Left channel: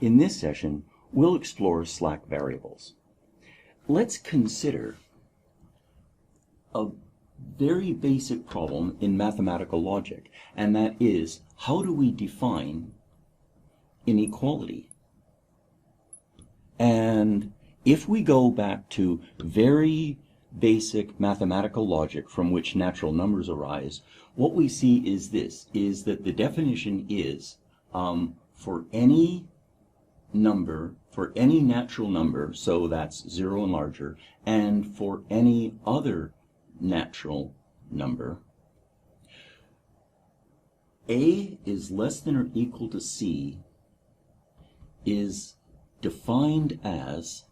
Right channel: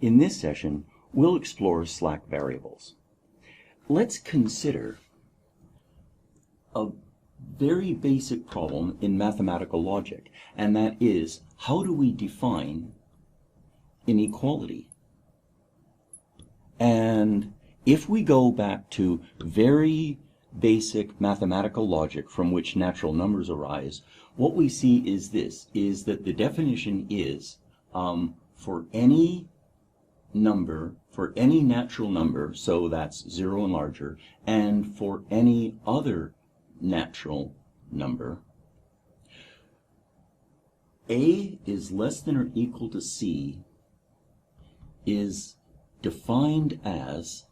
In this session, we'll explore slack variables. Let's consider a very basic problem in mathematical logic, and that is, how do we define inequality? And if we go back to very basic mathematical logic from which natural numbers arise, what we see is this, is that the definition is for any number, for any natural number, so that's 0 and larger, and for any other natural number, A is less than or equal to C is defined as,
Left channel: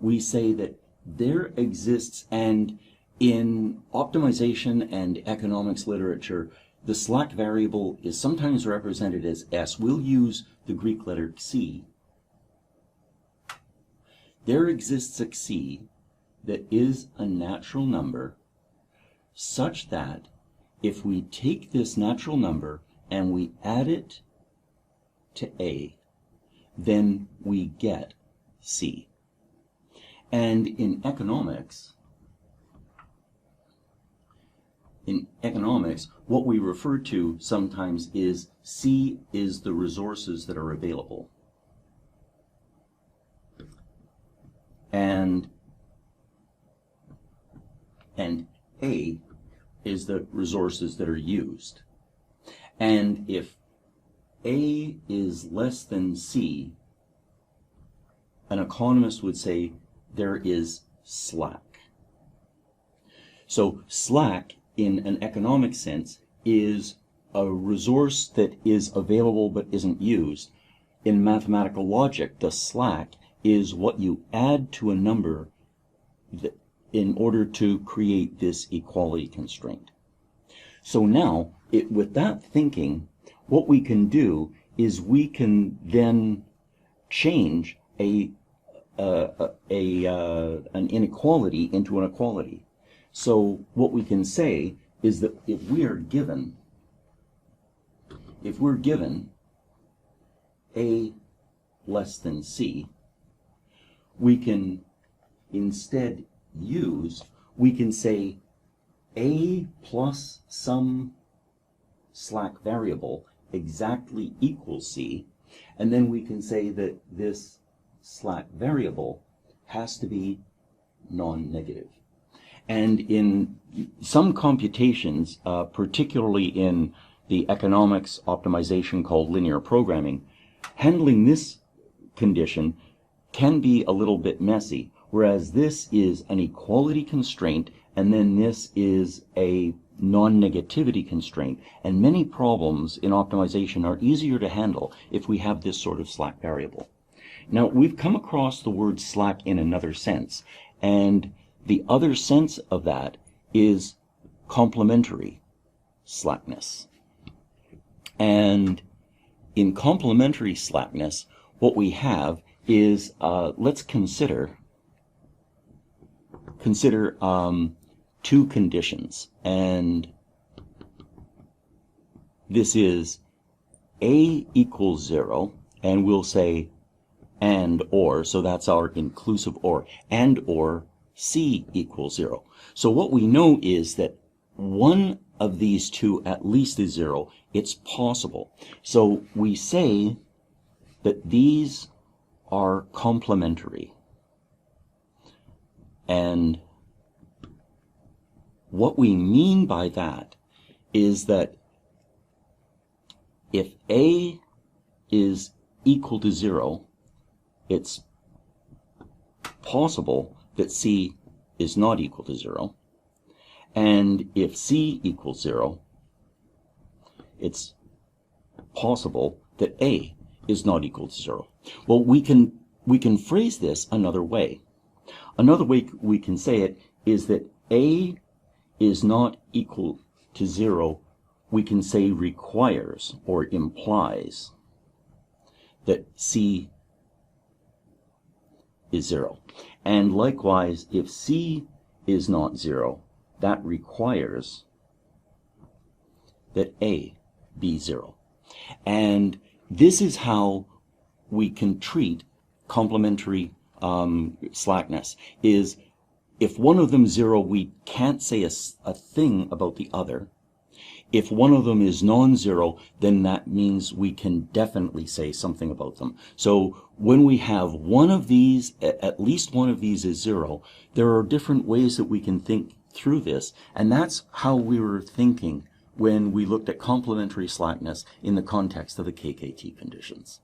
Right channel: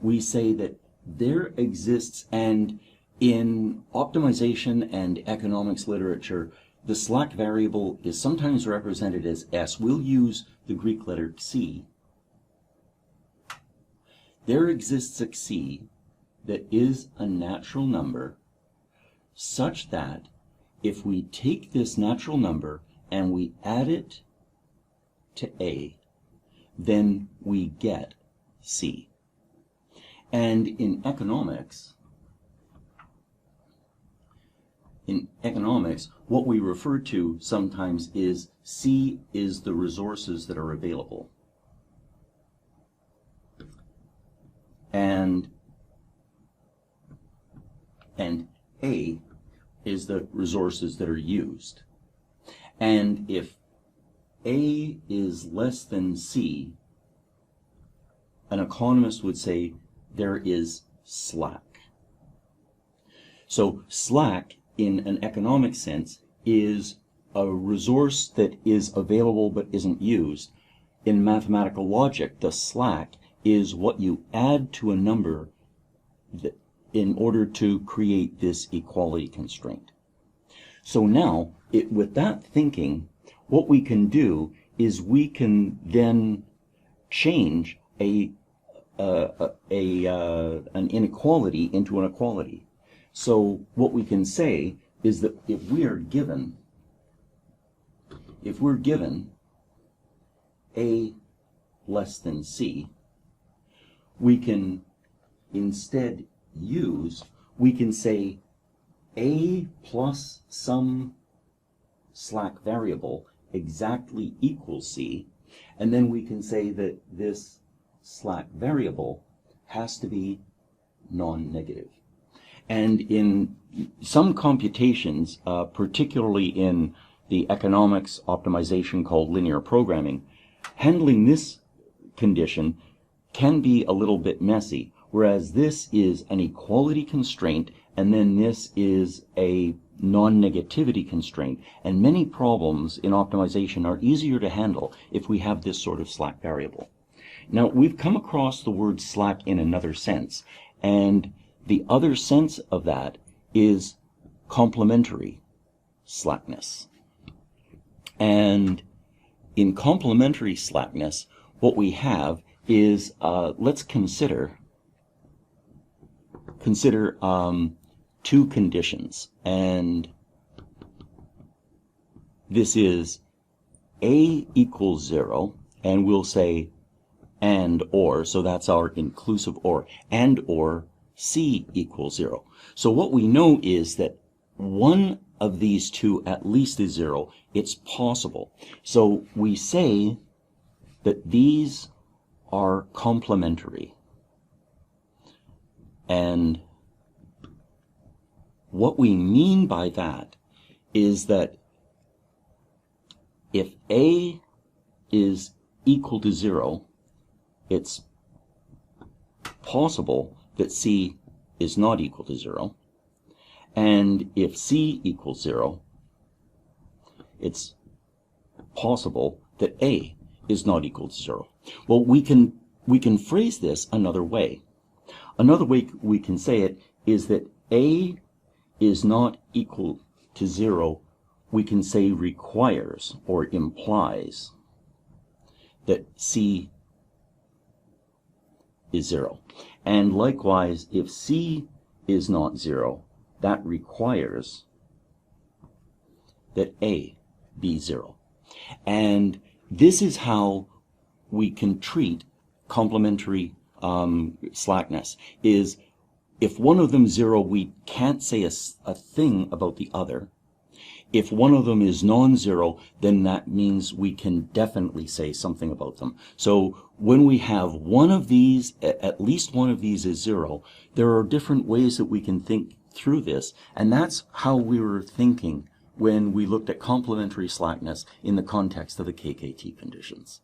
we say that there exists, and in optimization and economics literature, the slack variable is sometimes represented as S. We'll use the Greek letter xi. There exists a xi that is a natural number such that if we take this natural number and we add it to A, then we get C. And in economics, what we refer to sometimes is C is the resources that are available. And A is the resources that are used. And if A is less than C, an economist would say there is slack. So slack, in an economic sense, is a resource that is available but isn't used. In mathematical logic, the slack is what you add to a number that, in order to create this equality constraint. So now, with that thinking, what we can do is we can then change an inequality into an equality. So what we can say is that if we're given A less than C, we can instead we can say A plus some slack variable exactly equals C, and then we can say that this slack variable has to be non-negative. And in some computations, particularly in the economics optimization called linear programming, handling this condition can be a little bit messy, whereas this is an equality constraint, and then this is a non-negativity constraint. And many problems in optimization are easier to handle if we have this sort of slack variable. Now, we've come across the word slack in another sense, and the other sense of that is complementary slackness. And in complementary slackness, what we have is, let's consider two conditions, and this is A equals 0, and we'll say and or, so that's our inclusive or, and or C equals 0. So what we know is that one of these two at least is 0. It's possible. So we say that these are complementary. And what we mean by that is that if A is equal to 0, it's possible that C is not equal to 0. And if C equals 0, it's possible that A is not equal to 0. Well, we can phrase this another way. Another way we can say it is that A is not equal to 0, we can say requires or implies that C is 0. And likewise, if C is not 0, that requires that A be 0. And this is how we can treat complementary slackness is if one of them is 0, we can't say a thing about the other. If one of them is non-zero, then that means we can definitely say something about them. So when we have one of these, at least one of these is 0, there are different ways that we can think through this, and that's how we were thinking when we looked at complementary slackness in the context of the KKT conditions.